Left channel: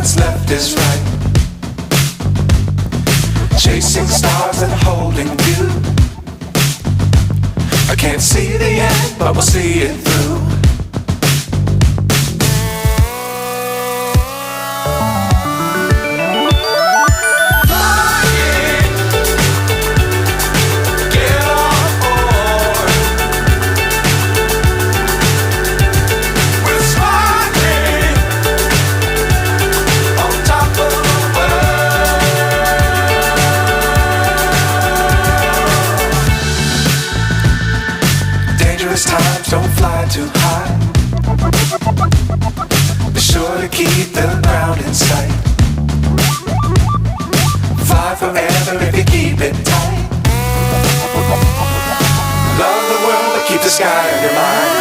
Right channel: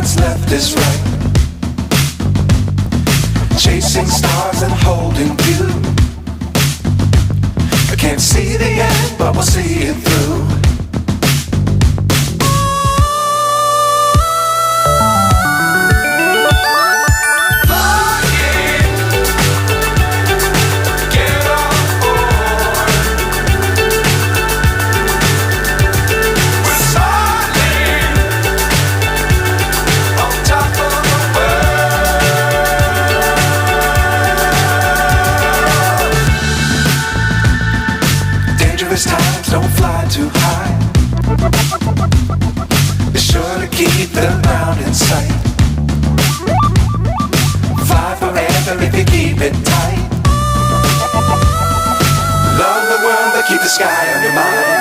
what's left is right. Chasing stars and holding you. I can't see the end, but we'll see it through. Times don't fly too high. Be sure to keep the ground in sight. Fly forever if you keep it tight. Love the world but keep the sky on your mind.